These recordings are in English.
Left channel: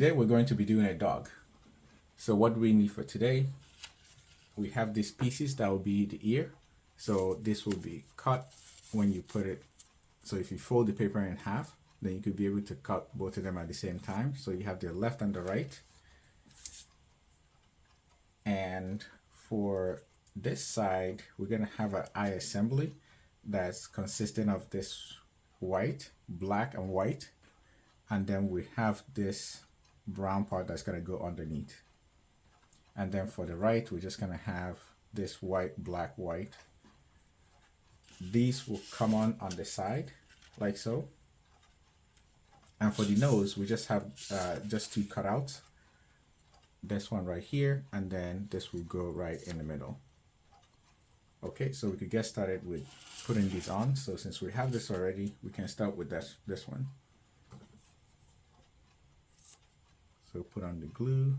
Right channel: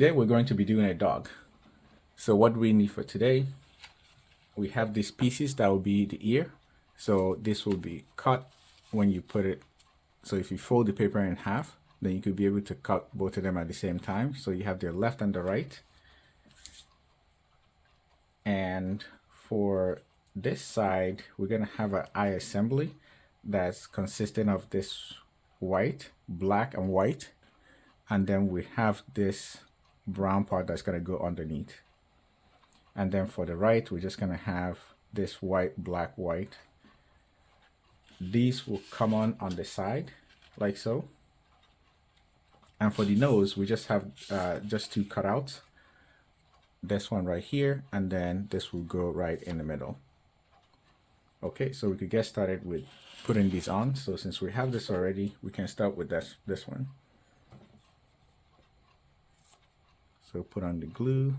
today we're going to be doing a dog. So what do we need for today? We have these pieces that will be the ear. So this will be cut when you put it. So if you fold the paper in half, then you could be able to cut both of them at the same time. So you have the left and the right. And for this side, we're going to have an eye assembly that's consisting of this white, black, and white. And then we have this brown part that's going to go underneath. And then for the right, we're just going to have this white, black, white. These will come on the side like so. And for the nose, we just have just two cutouts. This one right here, and then this will go right in the middle. Okay, so we could get started with putting these on. So since we have this already, we can start with this one. So put on the glue.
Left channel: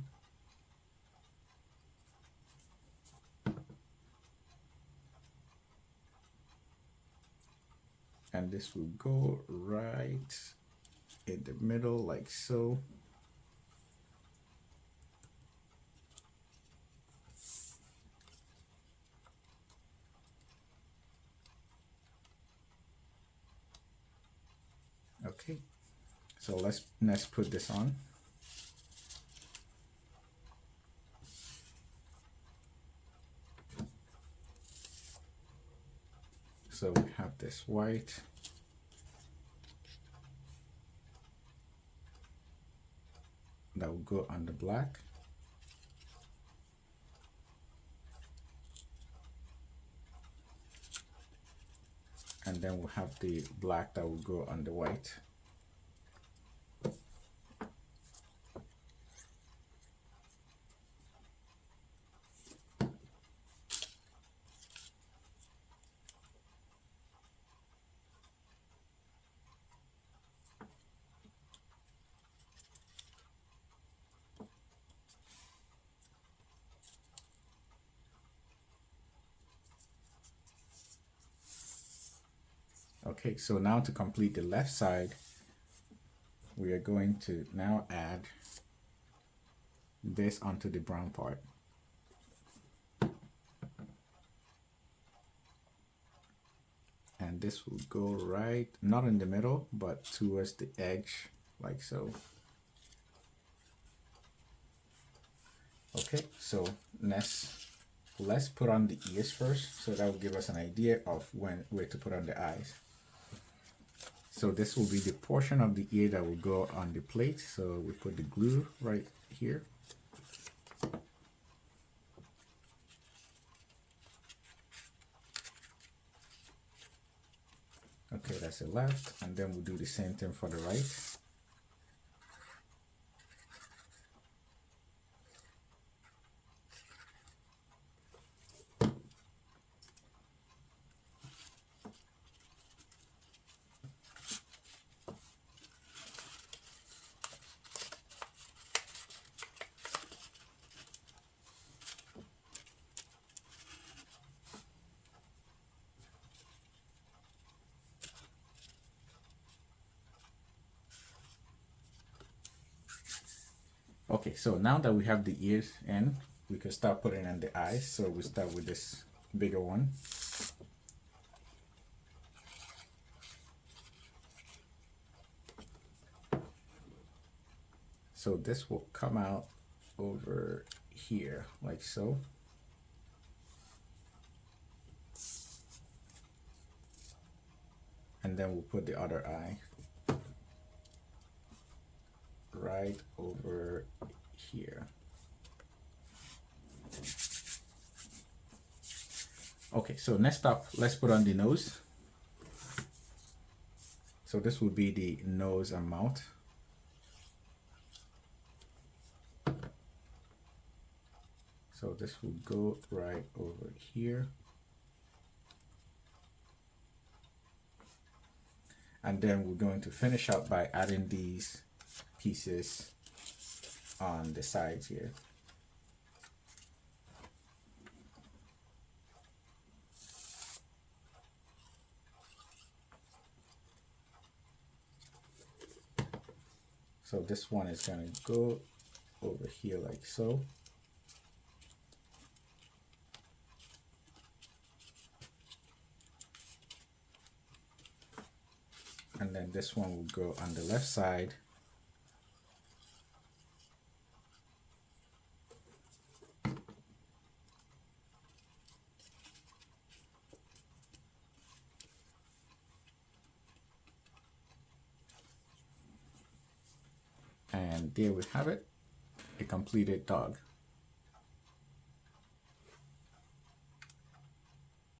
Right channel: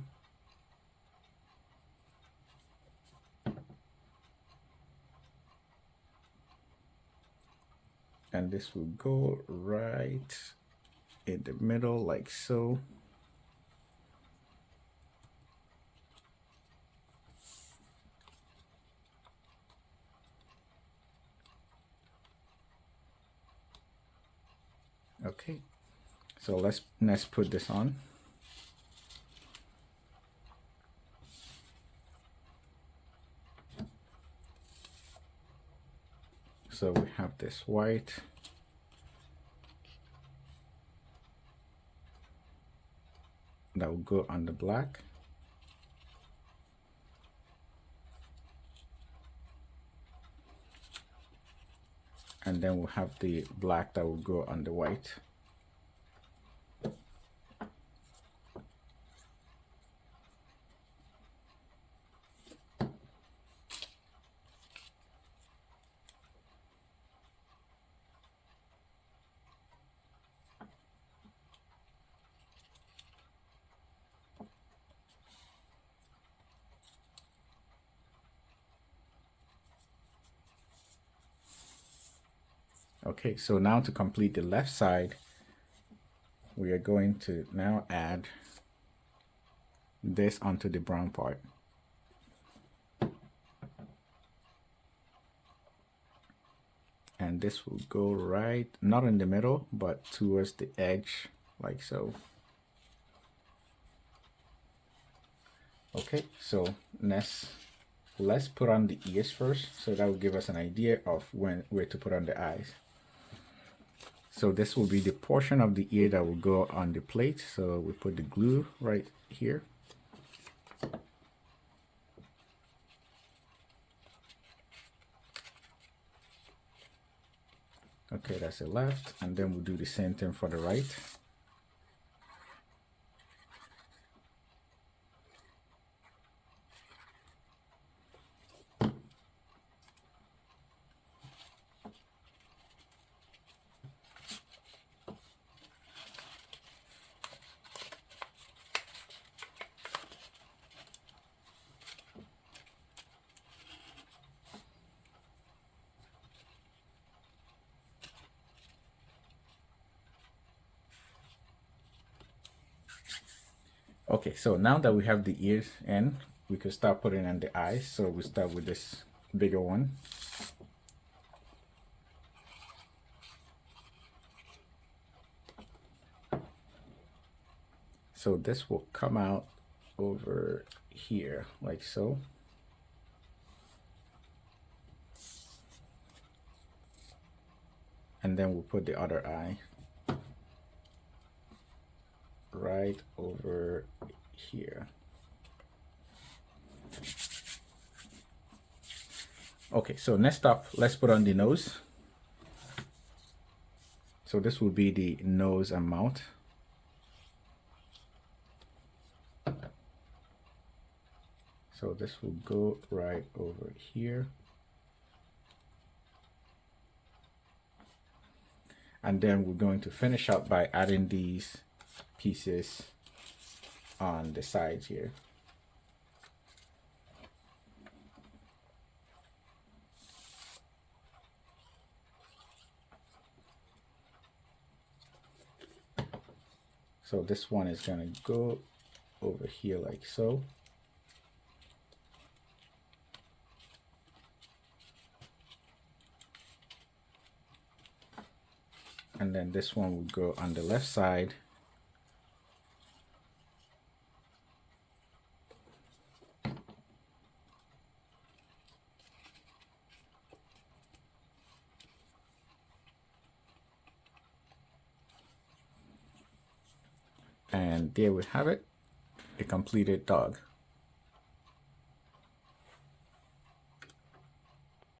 And this will go right in the middle like so. Okay, so let's put this on. So we have this white. That will go on the black. And then we'll have the black that will go on the white. Okay, so now to complete the left side, we are going to now add this onto the brown part. And this will go right, not in the middle, but towards the edge, like so. Okay, so let's put on the ears first, so that will give us an idea of where to put on the eyes. So this will be the portion of the ear that will go on the plate. So we put the glue right here. Okay, that's the left, and then we'll do the same thing for the right. Okay, so now that we have the ears in, we can start putting in the eyes. So we start with this bigger one. So this will come out over here like so. And then we'll put the other eye right over here. Okay, so next up, let's put on the nose. So this will be the nose and mouth. So this will go right over here. And then we're going to finish up by adding these pieces on the sides here. So this one is gonna go over here like so. And then this one will go on the left side. And there we have it, a completed dog.